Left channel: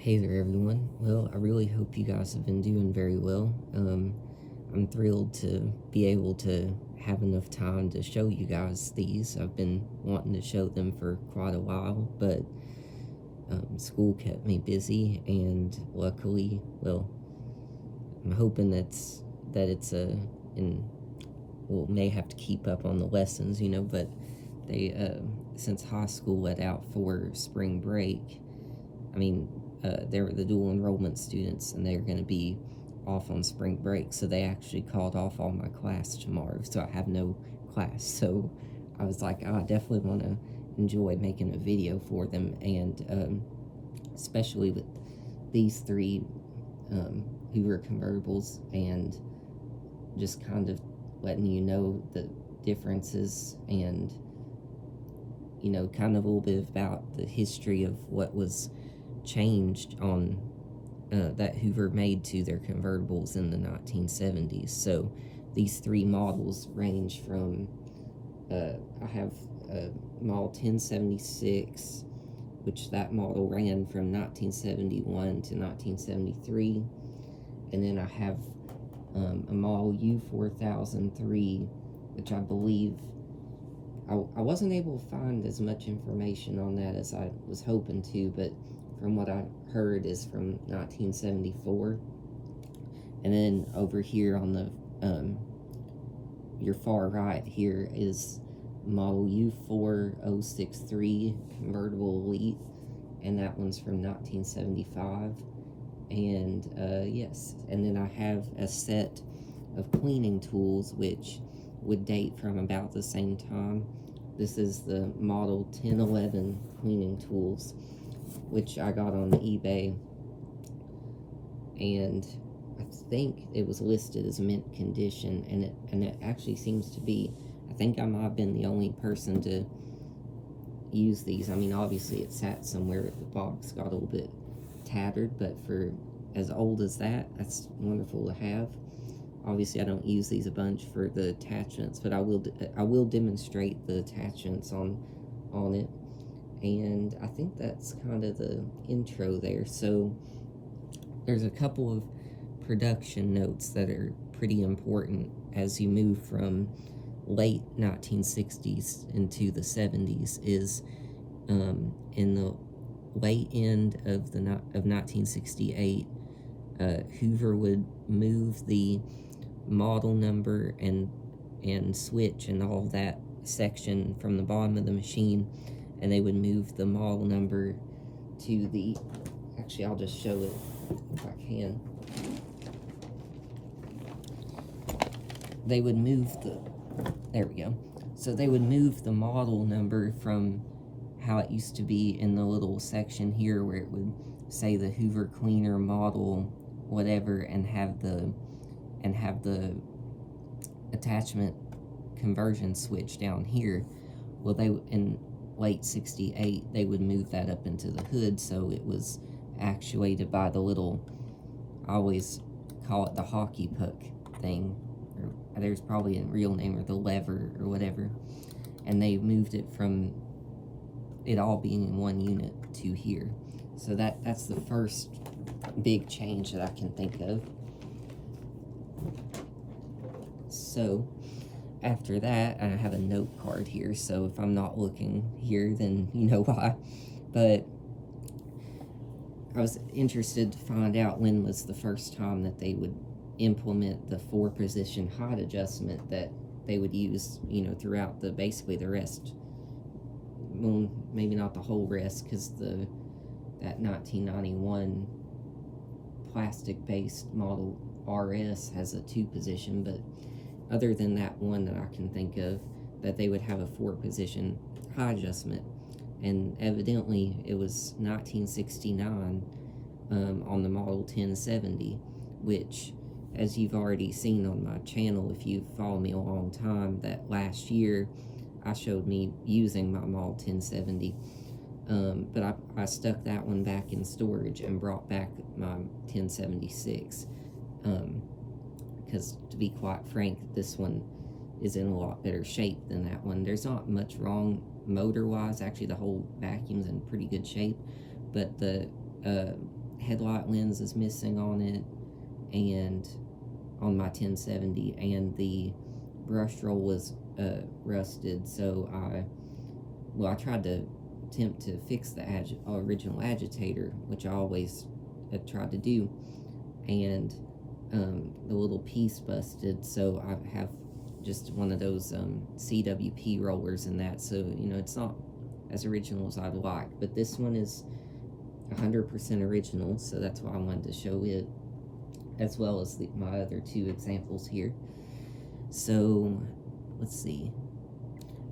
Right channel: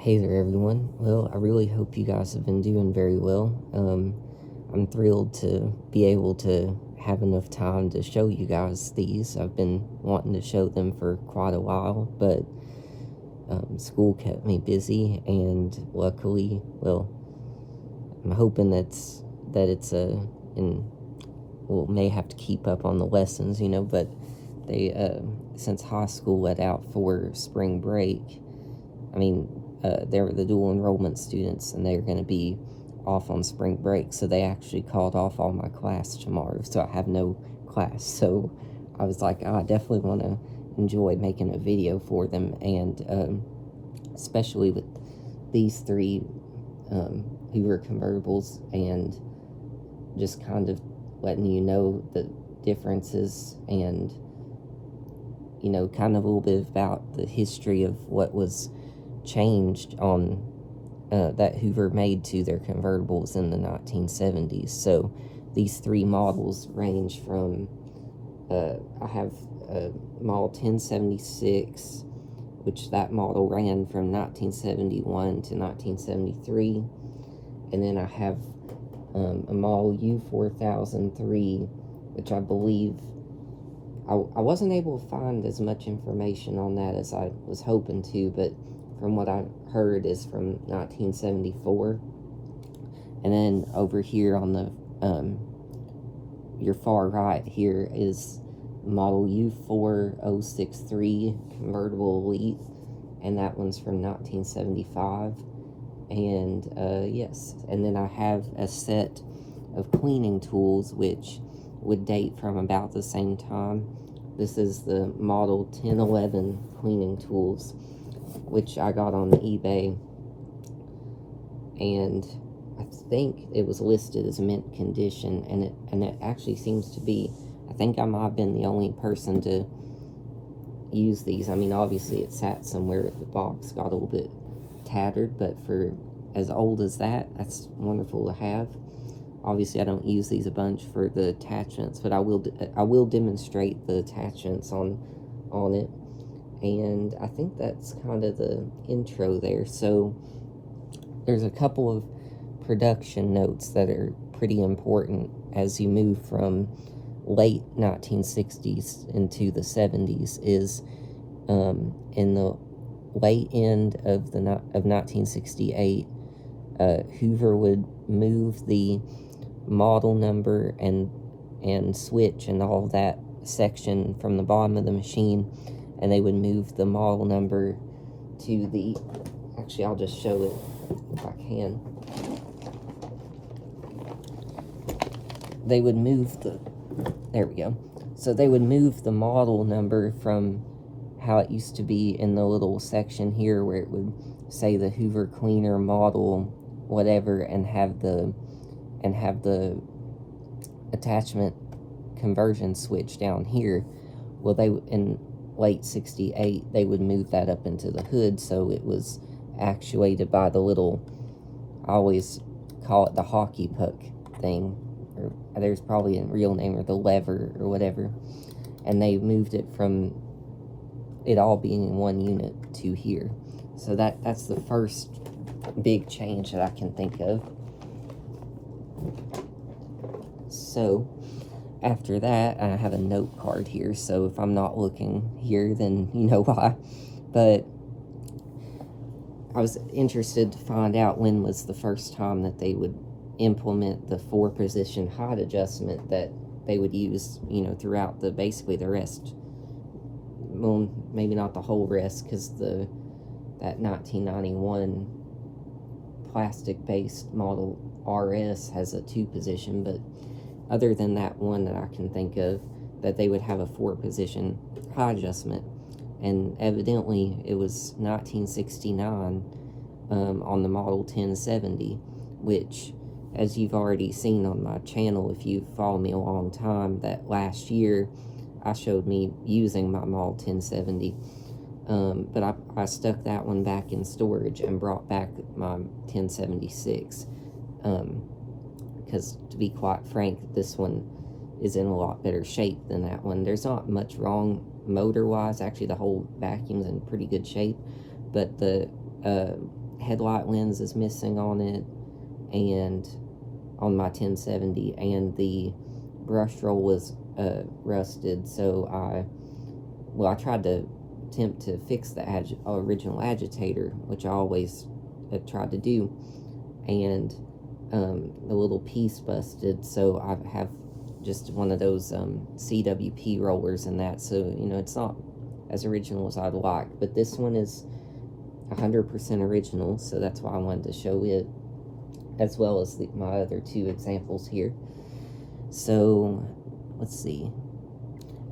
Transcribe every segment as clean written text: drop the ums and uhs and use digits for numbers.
Hey there, everyone. Well, I really hope you guys have been doing very well. I'm thrilled to be able to have enough time to show you guys these. I've been wanting to show them for quite a while, but school kept me busy, and luckily, well, I'm hoping that it's in well, may have to keep up on the lessons, but they since high school let out for spring break. I mean, they're the dual enrollment students, and they're going to be off on spring break, so they actually called off all my class tomorrow, so I have no class. So I was like, I definitely want to enjoy making a video for them, and especially with these three Hoover convertibles, and just kind of letting you know the differences, and kind of a little bit about the history of what was changed on that Hoover made to their convertibles in the 1970s. So these three models range from I have a model 1076, which that model ran from 1971 to 1973, and then I have a model U4003, which I believe I wasn't able to find as much information on that as I was hoping to, but from what I heard is from 1974. And then over here on the your far right here is model U4063 convertible elite, and that one's from 1975. And yes, and then I have a set of cleaning tools which would date from about the same time. This is the model 1011 cleaning tools, which I got on eBay, and I think it was listed as mint condition, and it actually seems to be. I think I might have been the only person to use these. I mean, obviously it sat somewhere, the box got a little bit tattered, but for as old as that, that's wonderful to have. Obviously I don't use these a bunch for the attachments, but I will demonstrate the attachments on it. And I think that's kind of the intro there. So there's a couple of production notes that are pretty important as you move from late 1960s into the 70s. Is in the late end of 1968, Hoover would move the model number and switch and all that section from the bottom of the machine, and they would move the model number to the, actually I'll just show it if I can. They would move there we go. So they would move the model number from how it used to be in the little section here where it would say the Hoover Cleaner model whatever, and have the attachment conversion switch down here. Well, they in late 68 they would move that up into the hood, so it was actuated by the little, I always call it the hockey puck thing, or there's probably a real name, or the lever or whatever, and they moved it from it all being in one unit to here. So that's the first big change that I can think of. So after that, I have a note card here, so if I'm not looking here, then you know why. But I was interested to find out when was the first time that they would implement the 4-position height adjustment that they would use, throughout basically the rest. Well, maybe not the whole rest, because that 1991 plastic-based model RS has a 2-position, but other than that one that I can think of, that they would have a 4-position height adjustment. And evidently it was 1969 on the model 1070, which, as you've already seen on my channel, if you've followed me a long time, that last year I showed me using my model 1070. But I stuck that one back in storage and brought back my 1076, because to be quite frank, this one is in a lot better shape than that one. There's not much wrong motor wise. Actually, the whole vacuum's in pretty good shape, but the headlight lens is missing on it, and on my 1070, and the brush roll was rusted. So I tried to attempt to fix the original agitator, which I always had tried to do, and the little piece busted. So I have just one of those CWP rollers and that. So it's not as original as I'd like, but this one is 100% original, so that's why I wanted to show it, as well as my other two examples here. So let's see.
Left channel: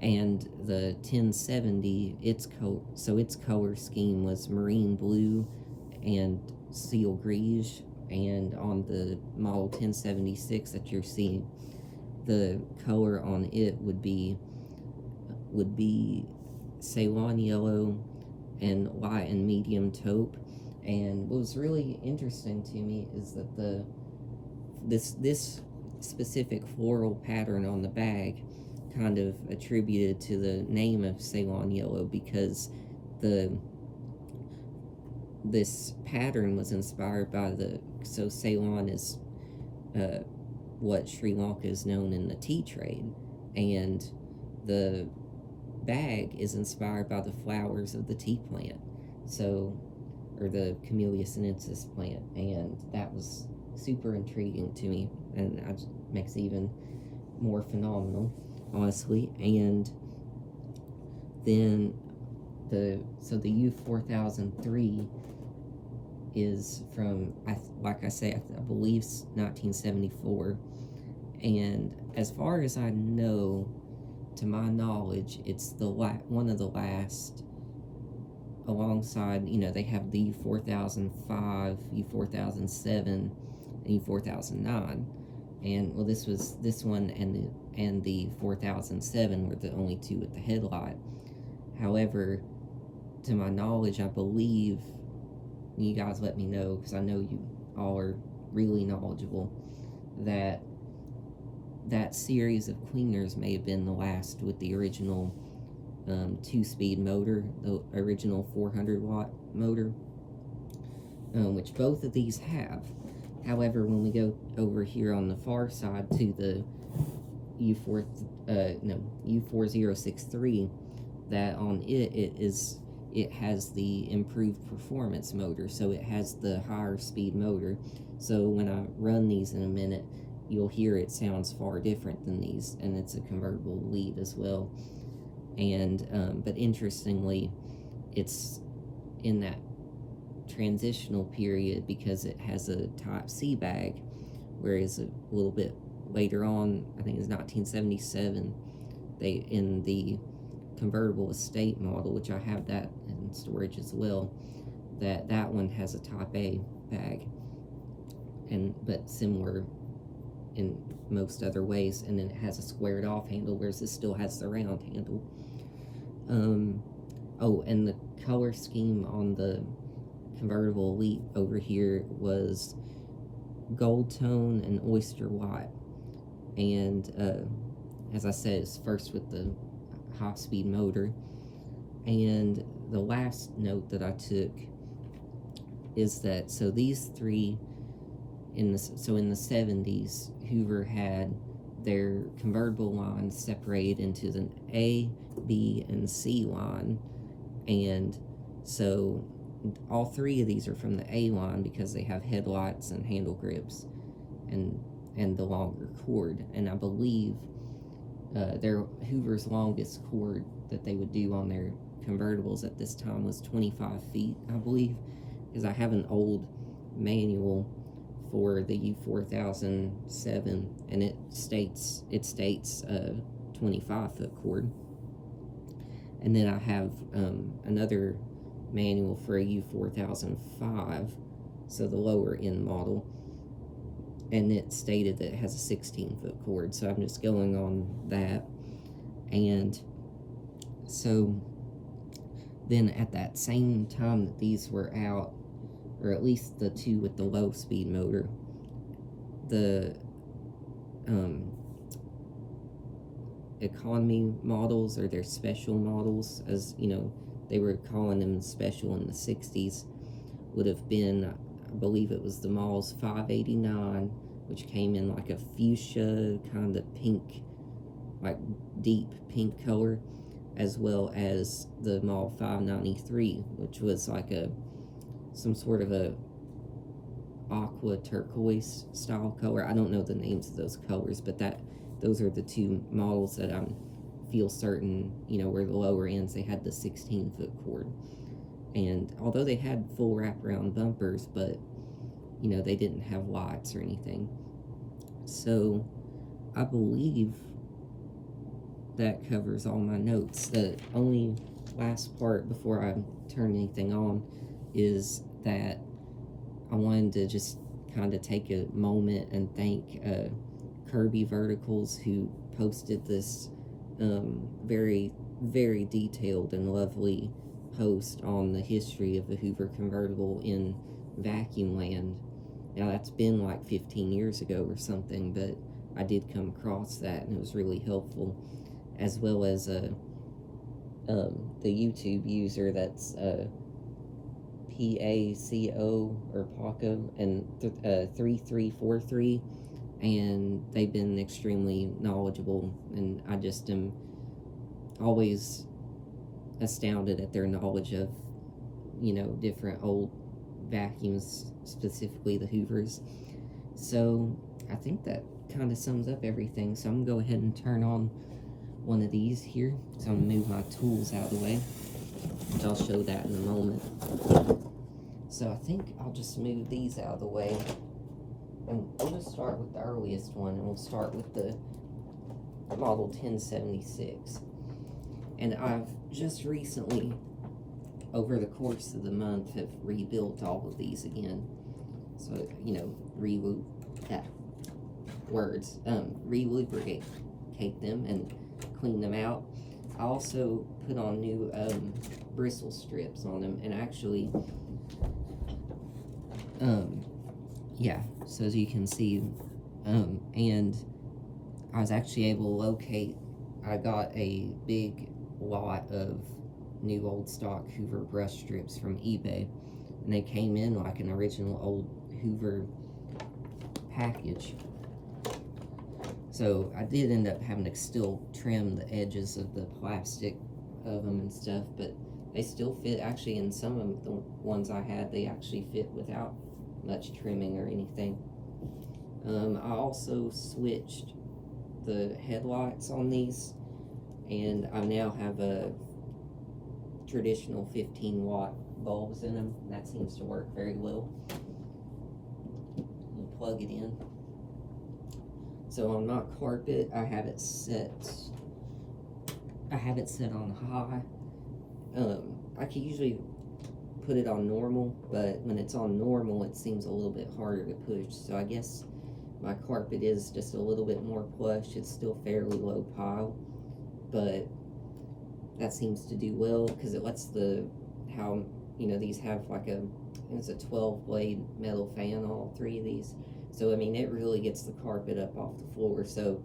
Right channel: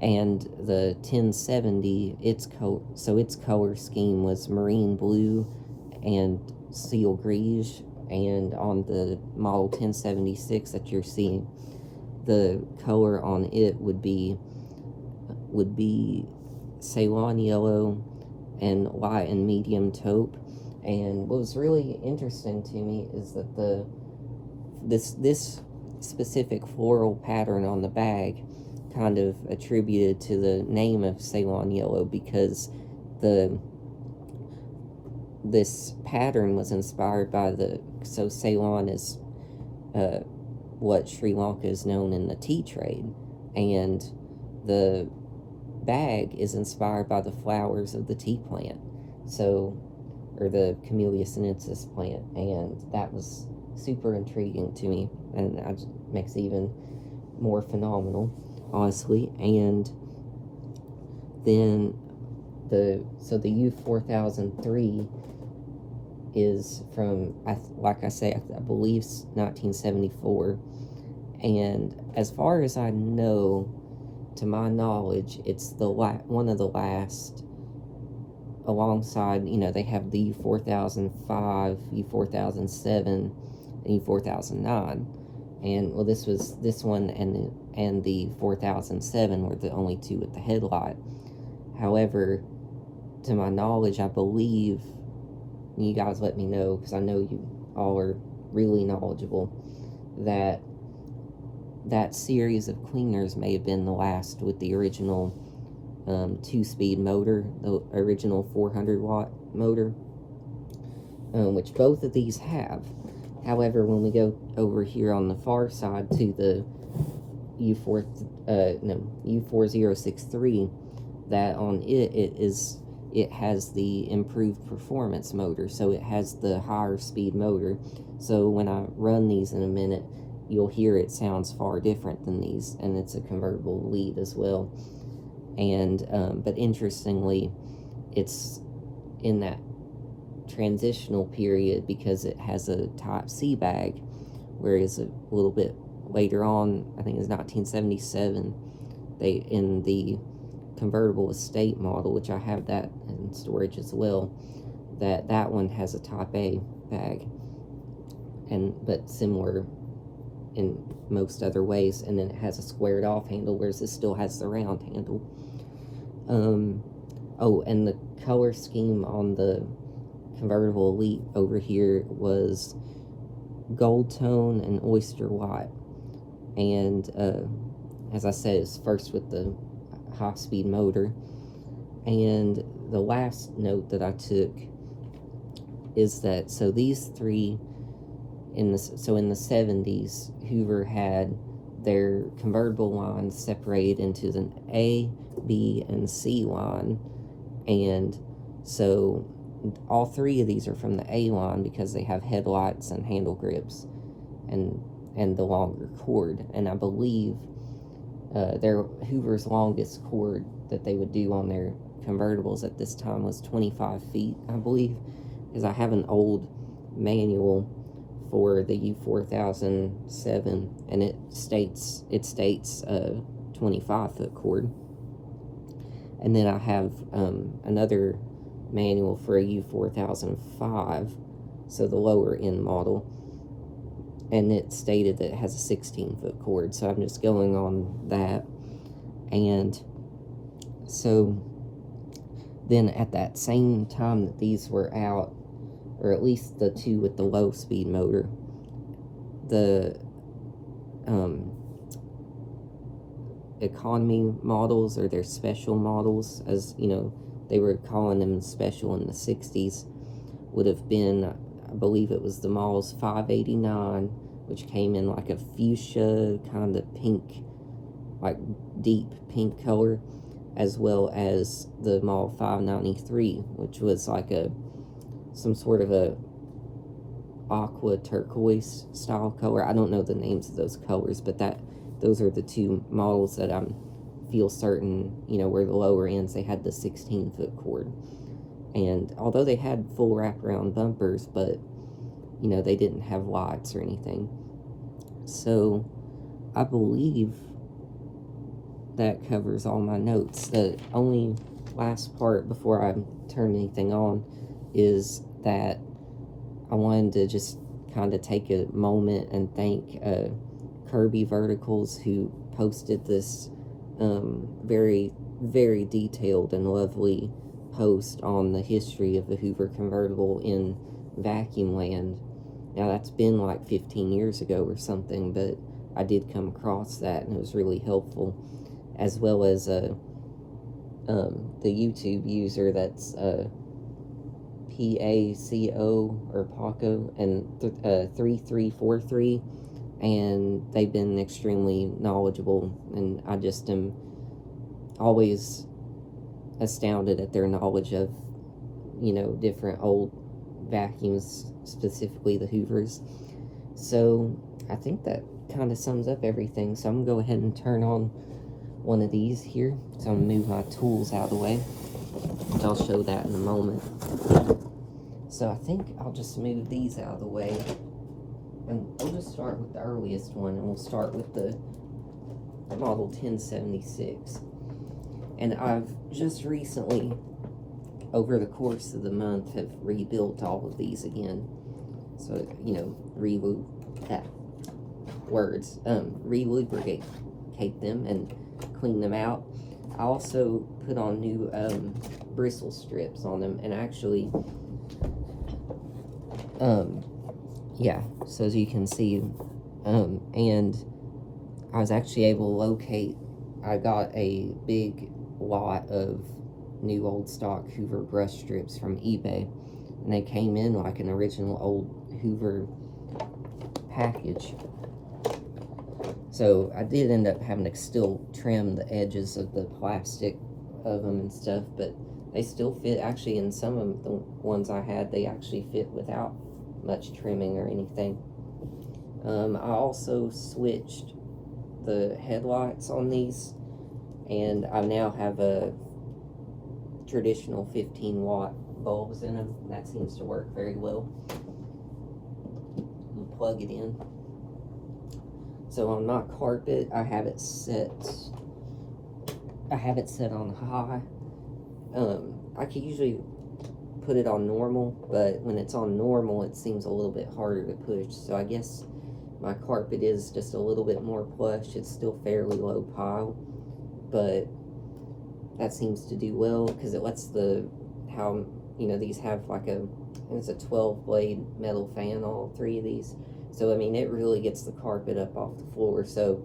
And the 1070, its color scheme was marine blue and seal grise, and on the model 1076 that you're seeing, the color on it would be Ceylon yellow and light and medium taupe. And what was really interesting to me is that this specific floral pattern on the bag kind of attributed to the name of Ceylon yellow, because this pattern was inspired by so Ceylon is what Sri Lanka is known in the tea trade, and the bag is inspired by the flowers of the tea plant, or the Camellia sinensis plant, and that was super intriguing to me, and that makes it even more phenomenal, honestly. And then the U4003 is from, like I say, I believe 1974, and as far as I know, to my knowledge, it's one of the last, alongside, they have the U4005, U4007, and U4009, and well, this one and the 4007 were the only two with the headlight. However, to my knowledge, I believe, you guys let me know, because I know you all are really knowledgeable, that series of cleaners may have been the last with the original 2-speed motor, the original 400-watt motor, which both of these have. However, when we go over here on the far side to the U4063, that on it has the improved performance motor, so it has the higher speed motor. So when I run these in a minute, you'll hear it sounds far different than these, and it's a convertible lead as well. And but interestingly, it's in that transitional period because it has a Type C bag, whereas a little bit later on, I think it's 1977, they, in the convertible estate model, which I have that in storage as well, that one has a Type A bag, but similar in most other ways, and then it has a squared off handle, whereas this still has the round handle. Oh, and the color scheme on the convertible Elite over here was gold tone and oyster white, and as I said, it's first with the high-speed motor. And the last note that I took is that, so these three, in the 70s, Hoover had their convertible lines separated into the A, B, and C line, and so all three of these are from the A line because they have headlights and handle grips and the longer cord. And I believe their Hoover's longest cord that they would do on their convertibles at this time was 25 feet, I believe, because I have an old manual for the U4007, and it states 25-foot cord. And then I have another manual for a U4005, so the lower end model, and it stated that it has a 16-foot cord, so I'm just going on that. And so then at that same time that these were out, or at least the two with the low speed motor, the economy models, or their special models, as you know, they were calling them special in the 60s, would have been, I believe it was the Models 589, which came in like a fuchsia kind of pink, like deep pink color, as well as the Model 593, which was like some sort of a aqua turquoise style color. I don't know the names of those colors, but those are the two models that I feel certain, were the lower ends. They had the 16-foot cord. And although they had full wraparound bumpers, but, they didn't have lights or anything. So I believe that covers all my notes. The only last part before I turn anything on is that I wanted to just kind of take a moment and thank Kirby Verticals, who posted this very, very detailed and lovely post on the history of the Hoover Convertible in vacuum land. Now, that's been like 15 years ago or something, but I did come across that, and it was really helpful, as well as the YouTube user that's PACO or PACO and 3343, and they've been extremely knowledgeable, and I just am always astounded at their knowledge of different old vacuums, specifically the Hoovers. So I think that kind of sums up everything. So I'm gonna go ahead and turn on one of these here. So I'm gonna move my tools out of the way. I'll show that in a moment. So I think I'll just move these out of the way, and we'll just start with the earliest one, and we'll start with the Model 1076. And I've just recently, over the course of the month, have rebuilt all of these again. So, re-lubricate them and clean them out. I also put on new bristle strips on them, and actually, so as you can see, and I was actually able to locate, I got a big lot of new old stock Hoover brush strips from eBay, and they came in like an original old Hoover package. So I did end up having to still trim the edges of the plastic of them and stuff, but they still fit. Actually, in some of the ones I had, they actually fit without much trimming or anything. I also switched the headlights on these, and I now have a traditional 15-watt bulbs in them. That seems to work very well. You plug it in. So on my carpet, I have it set on high. I could usually put it on normal, but when it's on normal, it seems a little bit harder to push. So I guess my carpet is just a little bit more plush. It's still fairly low pile, but that seems to do well because it lets these have like it's a 12-blade metal fan, all three of these. So, I mean, it really gets the carpet up off the floor. So,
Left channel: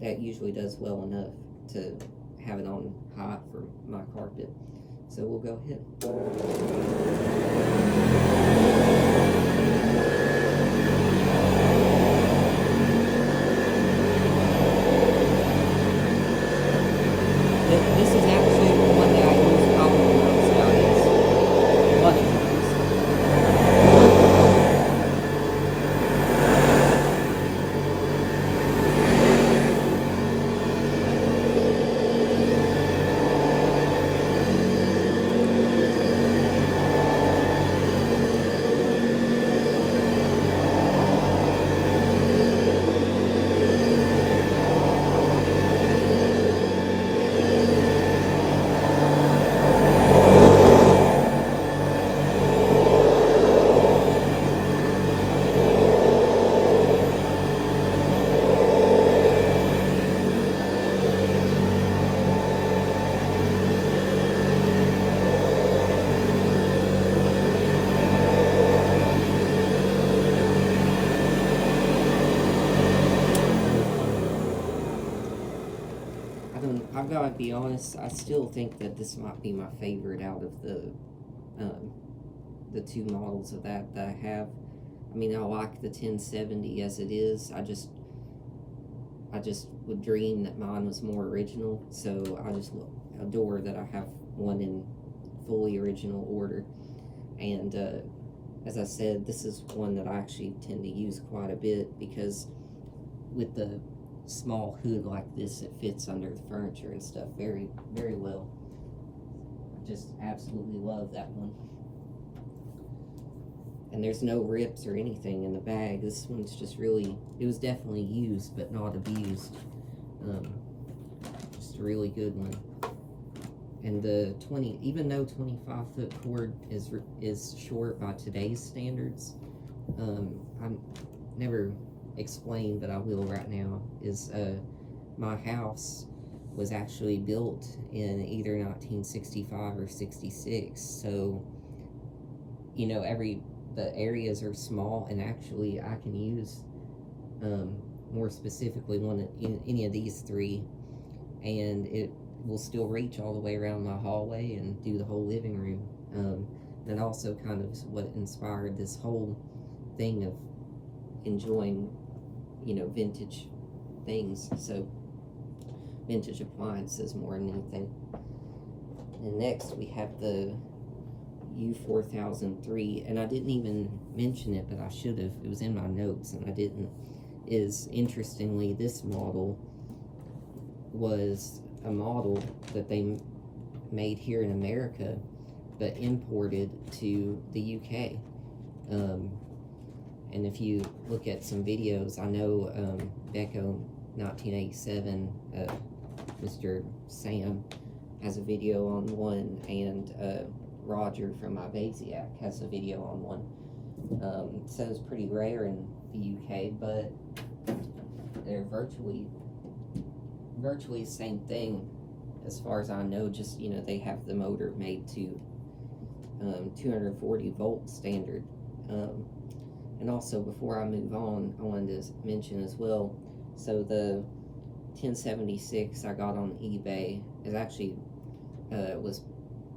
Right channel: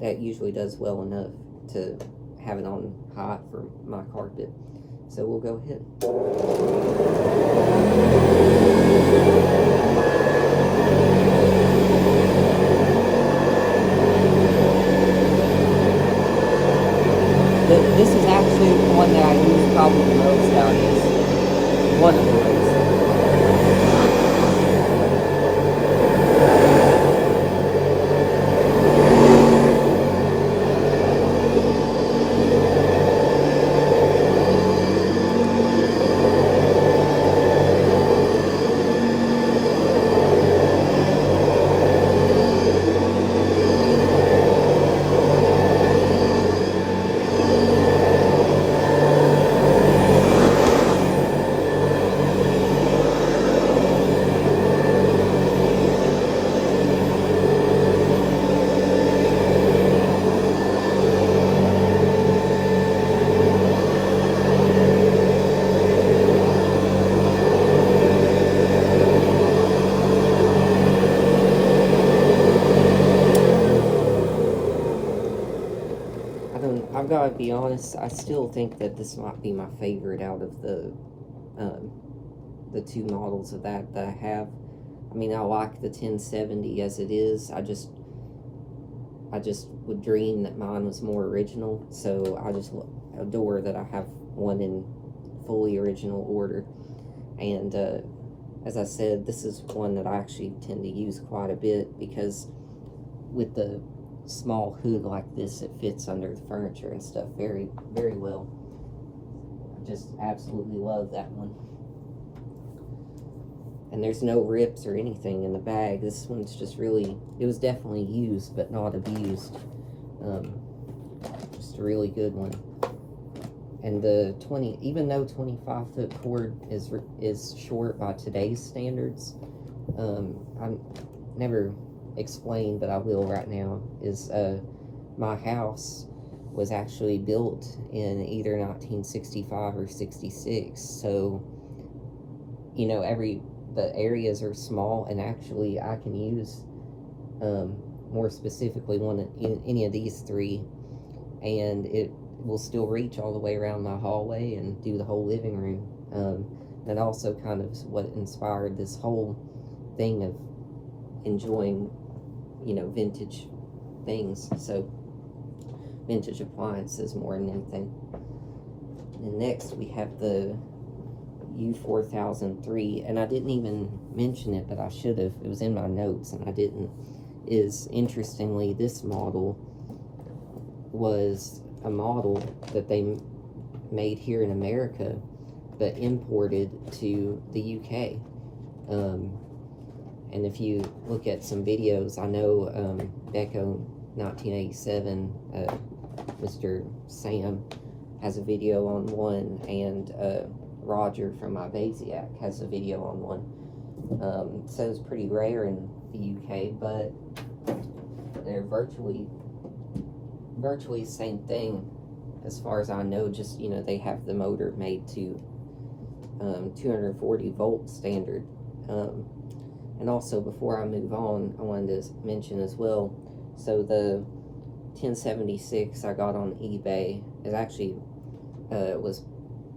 that usually does well enough to have it on high for my carpet. So, we'll go ahead. But this is actually the one that I use probably the most out of these. One of the most. I've got to be honest, I still think that this might be my favorite out of the the two models of that I have. I mean, I like the 1070 as it is. I just would dream that mine was more original, so I just adore that I have one in fully original order. And as I said, this is one that I actually tend to use quite a bit, because with the small hood like this, it fits under the furniture and stuff very, very well. I just absolutely love that one. And there's no rips or anything in the bag. This one's just really, it was definitely used, but not abused. Just a really good one. And the even though 25-foot cord is short by today's standards, I'm never explained, but I will right now, is my house was actually built in either 1965 or 66. So, you know, the areas are small, and actually I can use more specifically any of these three, and it will still reach all the way around my hallway and do the whole living room. And also kind of what inspired this whole thing of enjoying, you know, vintage things, so vintage appliances more than anything. And next we have the U4003, and I didn't even mention it, but I should have. It was in my notes and I didn't. Is interestingly, this model was a model that they made here in America, but imported to the UK. And if you look at some videos, I know Becco 1987, Mr. Sam has a video on one, and Roger from Ibasiac has a video on one. So it's pretty rare in the UK, but they're virtually the same thing as far as I know. Just, you know, they have the motor made to 240 volt standard. And also, before I move on, I wanted to mention as well, so the 1076 I got on eBay is actually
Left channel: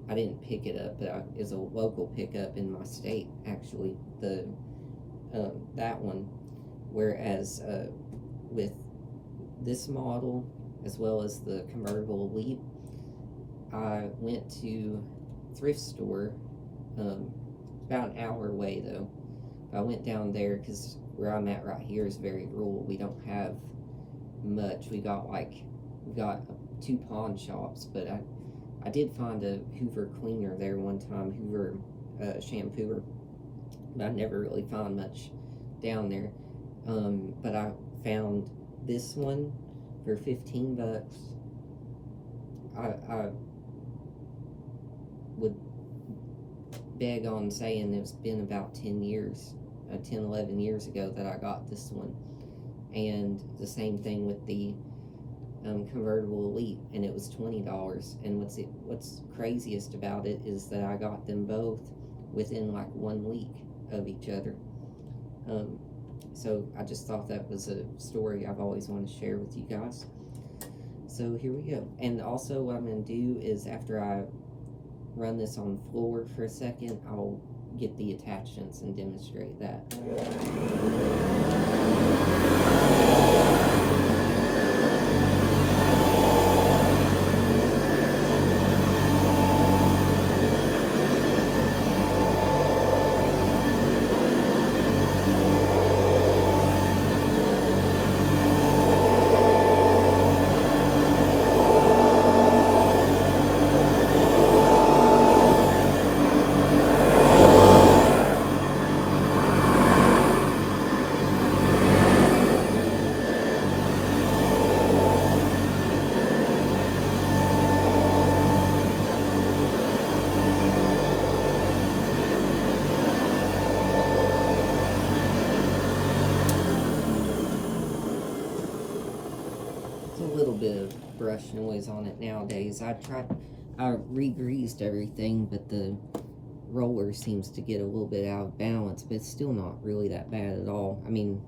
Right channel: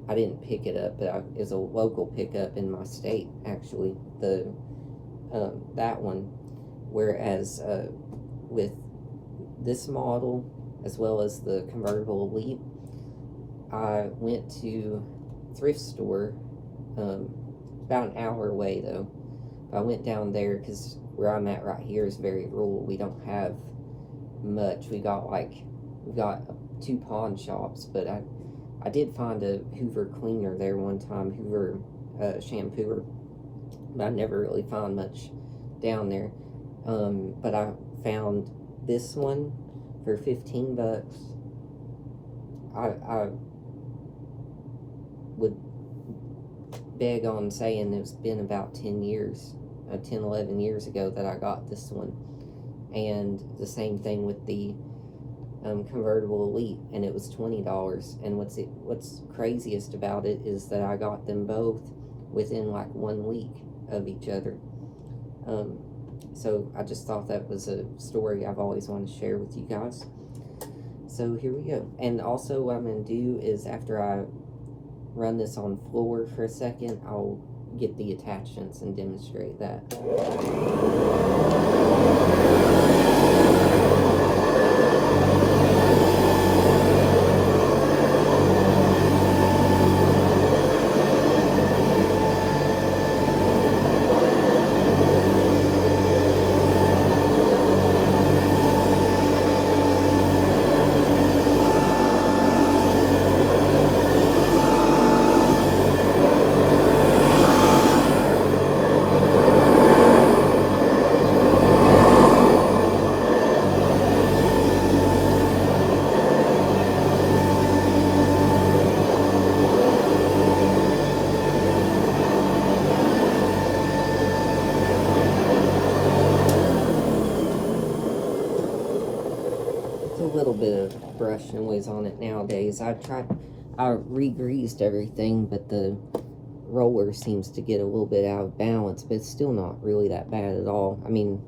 I didn't pick it up, but it's a local pickup in my state, actually, that one. Whereas with this model, as well as the Convertible Elite, I went to thrift store, about an hour away though. I went down there because where I'm at right here is very rural. We don't have much. We got 2 pawn shops, but I did find a Hoover cleaner there one time, Hoover shampooer, but I never really found much down there. But I found this one for 15 bucks. I would beg on saying it's been about 10 years, 11 years ago that I got this one. And the same thing with the Convertible Elite, and it was $20. And what's craziest about it is that I got them both within like 1 week of each other. So I just thought that was a story I've always wanted to share with you guys. So here we go. And also what I'm going to do is, after I run this on floor for a second, I'll get the attachments and demonstrate that. Little bit of brush noise on it nowadays. I re-greased everything, but the roller seems to get a little bit out of balance, but it's still not really that bad at all. I mean,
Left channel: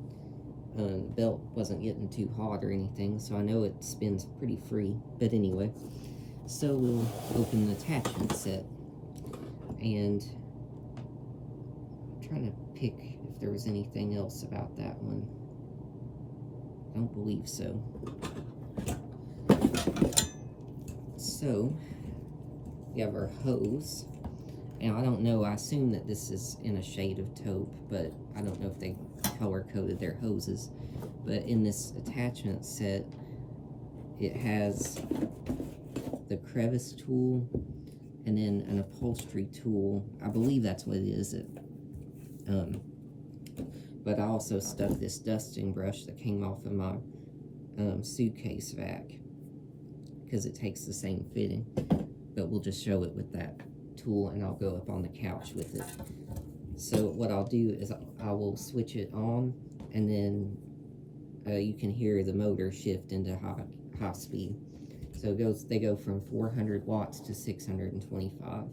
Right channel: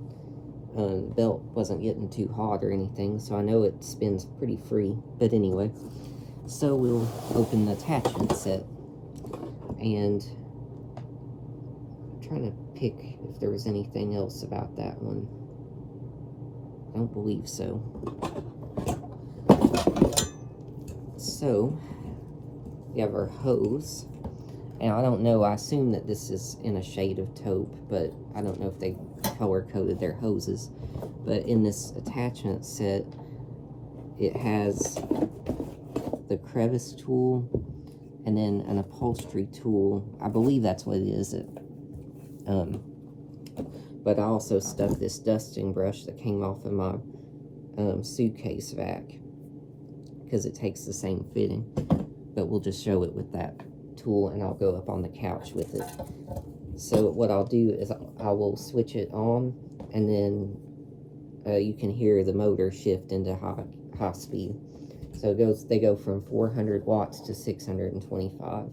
the belt wasn't getting too hot or anything, so I know it spins pretty free. But anyway, so we'll open the attachment set, and trying to pick if there was anything else about that one. I don't believe so. So, we have our hose. And I don't know, I assume that this is in a shade of taupe, but I don't know if they color-coded their hoses. But in this attachment set, it has the crevice tool and then an upholstery tool. I believe that's what it is. But I also stuck this dusting brush that came off of my suitcase vac, because it takes the same fitting. But we'll just show it with that tool, and I'll go up on the couch with it. So what I'll do is I will switch it on, and then you can hear the motor shift into high speed. So they go from 400 watts to 625.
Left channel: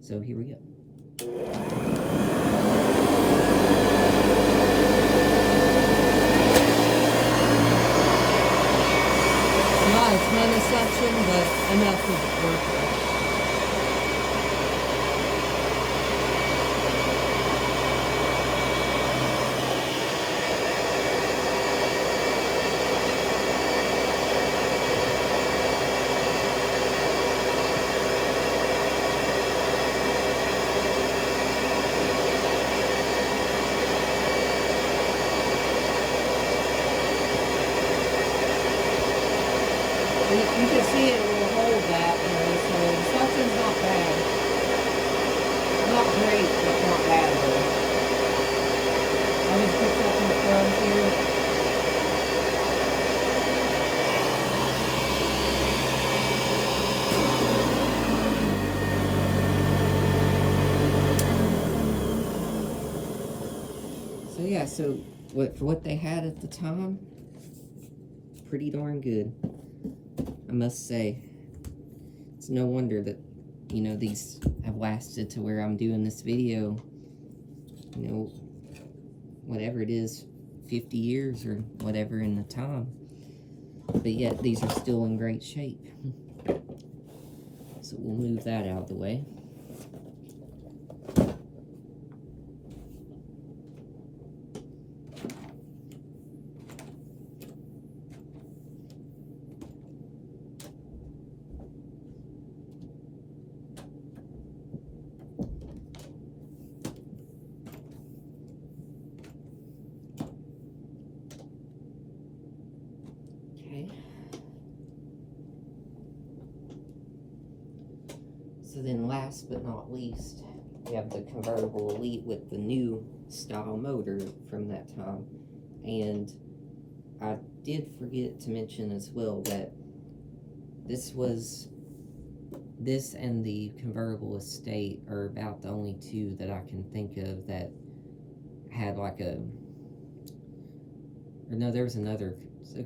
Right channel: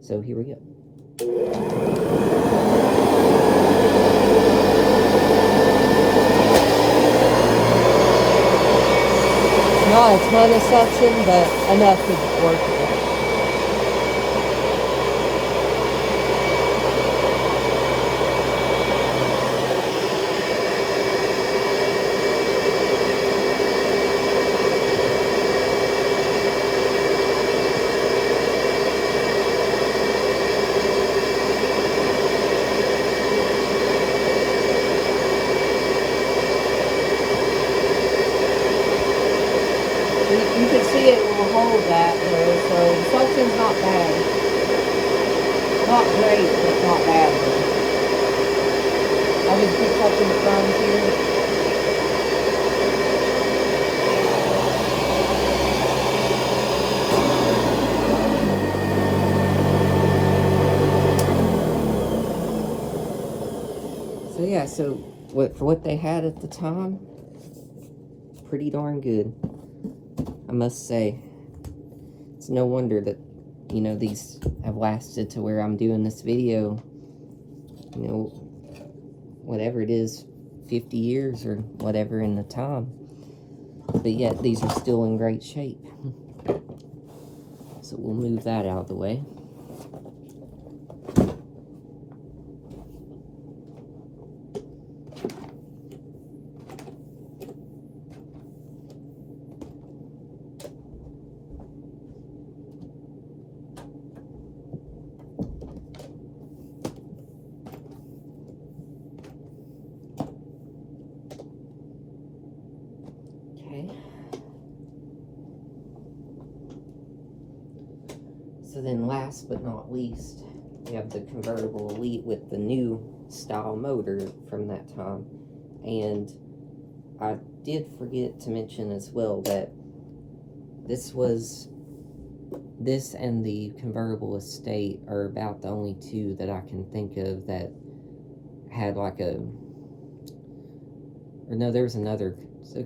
So here we go. Not a ton of suction, but enough to work with. You can see it will hold that though, so the suction's not bad. Not great, but not bad though. I just picked up in the front here. So yeah, so for what they had at the time, pretty darn good. I must say, it's no wonder that, you know, these have lasted to where I'm doing this video, you know, whatever it is, 50 years or whatever in the time. But yet, these are still in great shape. So we'll move that out of the way. So then last but not least, we have the convertible Elite with the new style motor from that time. And I did forget to mention as well that this and the convertible Estate are about the only two that I can think of that had like a, or no, there's a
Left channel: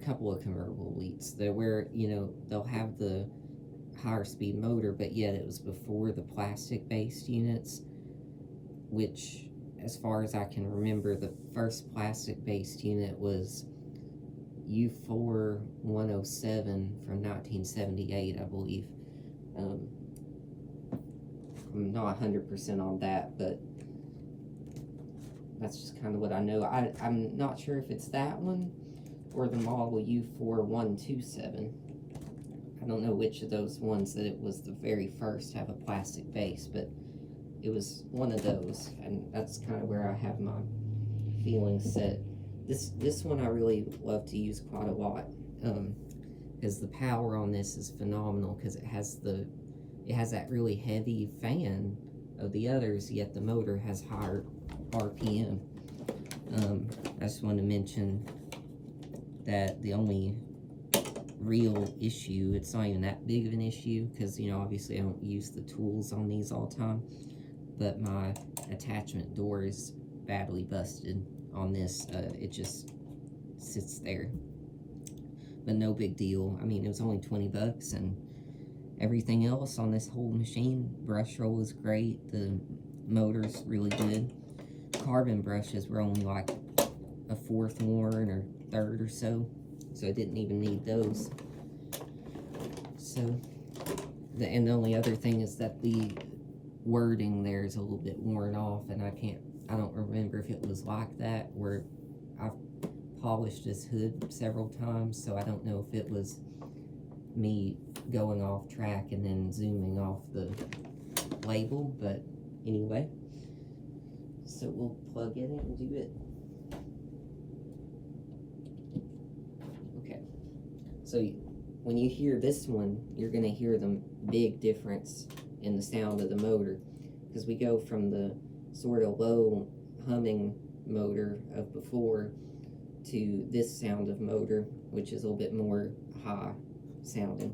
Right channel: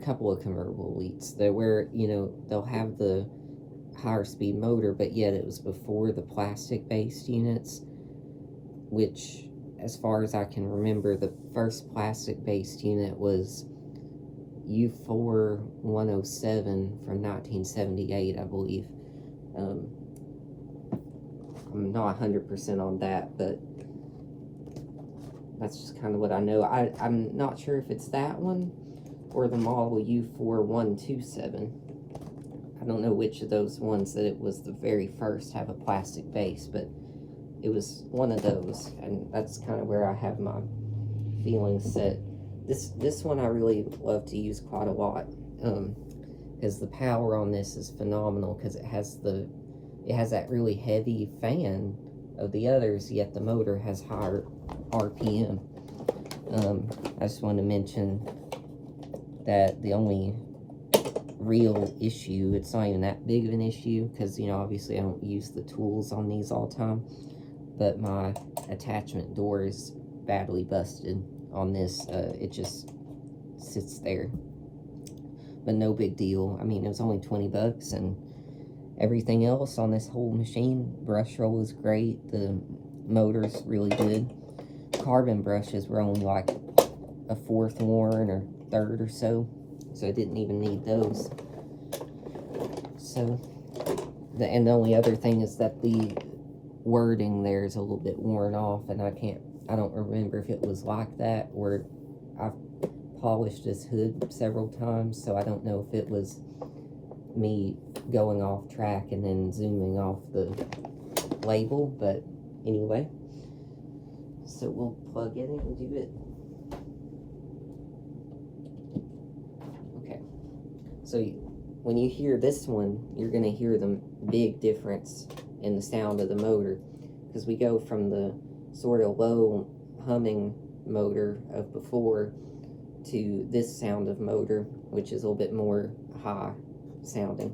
couple of convertible Elites that where, you know, they'll have the higher speed motor, but yet it was before the plastic based units, which as far as I can remember, the first plastic based unit was U4 107 from 1978, I believe. I'm not 100% on that, but that's just kind of what I know. I'm not sure if it's that one or the model U4 127. I don't know which of those ones that it was the very first have a plastic base, but it was one of those, and that's kind of where I have my feelings set. This one I really love to use quite a lot, because the power on this is phenomenal, because it has that really heavy fan of the others, yet the motor has higher RPM. I just want to mention that the only real issue, it's not even that big of an issue, because, you know, obviously I don't use the tools on these all the time, but my attachment door is badly busted on this. It just sits there, but no big deal. I mean, it was only 20 bucks, and everything else on this whole machine, brush roll is great, the motor's really good. Carbon brushes were only like a fourth worn or third or so I didn't even need those. So, the only other thing is that wording there is a little bit worn off, and I don't remember if it was like that, or I've polished this hood several times, so I don't know if it was me going off track and then zooming off the label, but anyway, so we'll plug in and do it. Okay, so when you hear this one, you're going to hear the big difference in the sound of the motor, because we go from the sort of low humming motor of before to this sound of motor, which is a little bit more high sounding.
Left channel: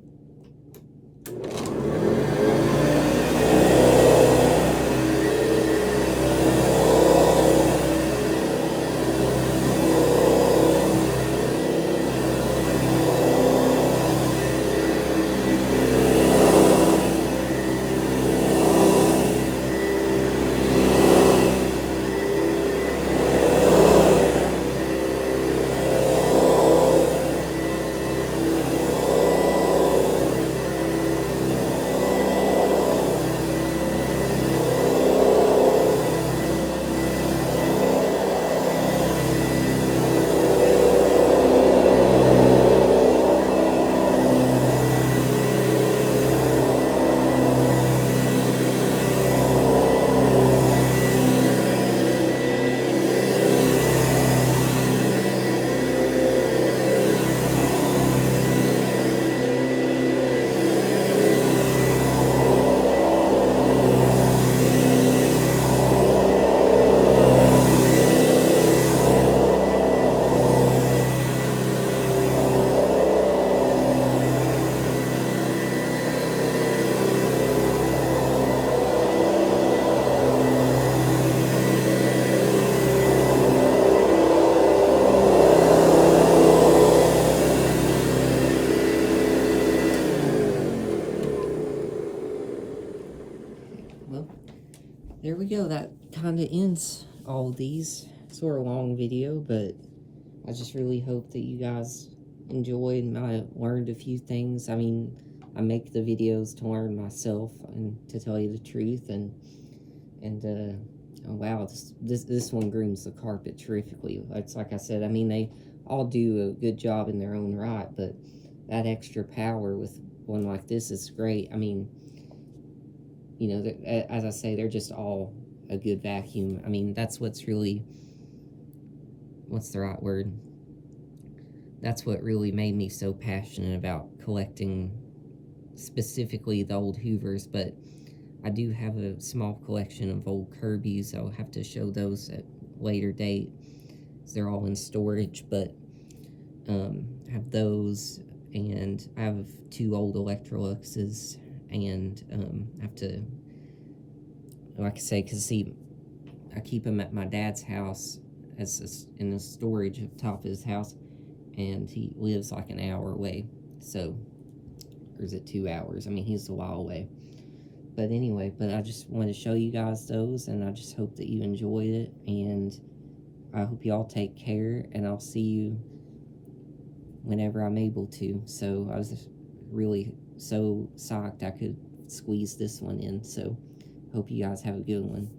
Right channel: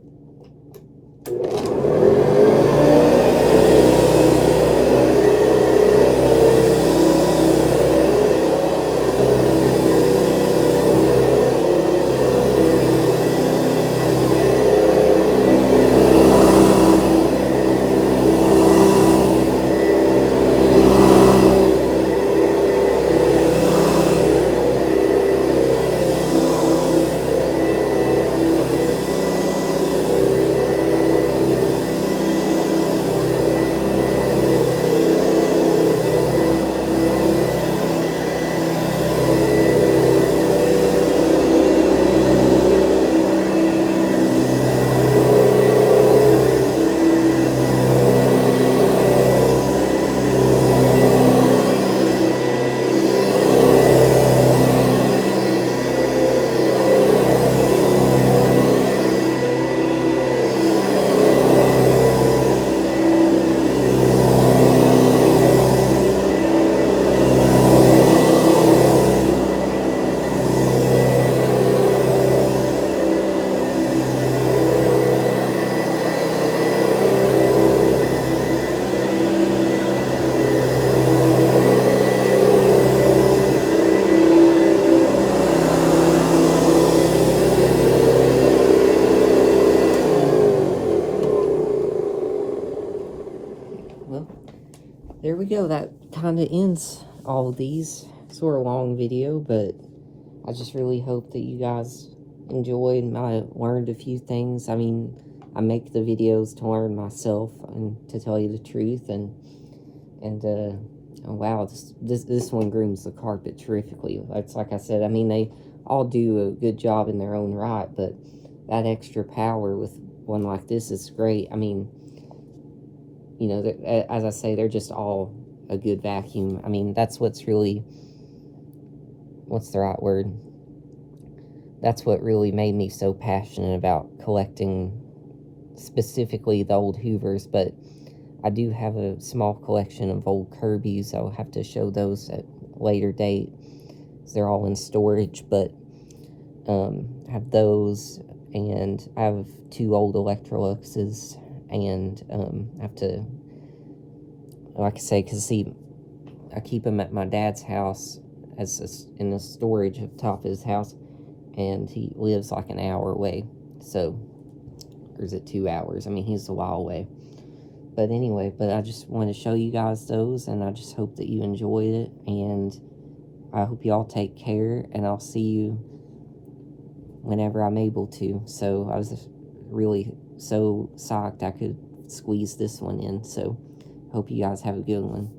Well, there we go. That kind of ends all of these. Sort of long video, but I just really hope that you guys enjoyed and I learned a few things. I mean, I make the videos to learn myself and to tell you the truth, and oh, wow, this one grooms the carpet terrifically. It's like I said, I mean, they all do a good job in their own right, but that extra power with one like this is great. I mean, you know, as I say, they're just all a good vacuum. I mean, that's what's really, what's the right word? That's what really made me so passionate about collecting specifically the old Hoovers, but I do have a small collection of old Kirby's. I'll have to show those at a later date. They're all in storage, but I have those, and I have 2 old Electroluxes, and I have to, like I say, because see, I keep them at my dad's house in the storage at the top of his house, and he lives like an hour away, so, or is it 2 hours? I mean, he's a while away. But anyway, but I just want to show you guys those, and I just hope that you enjoyed it, and I hope you all take care, and I'll see you whenever I'm able to. So I was really so psyched I could squeeze this one in, so hope you guys have a good one.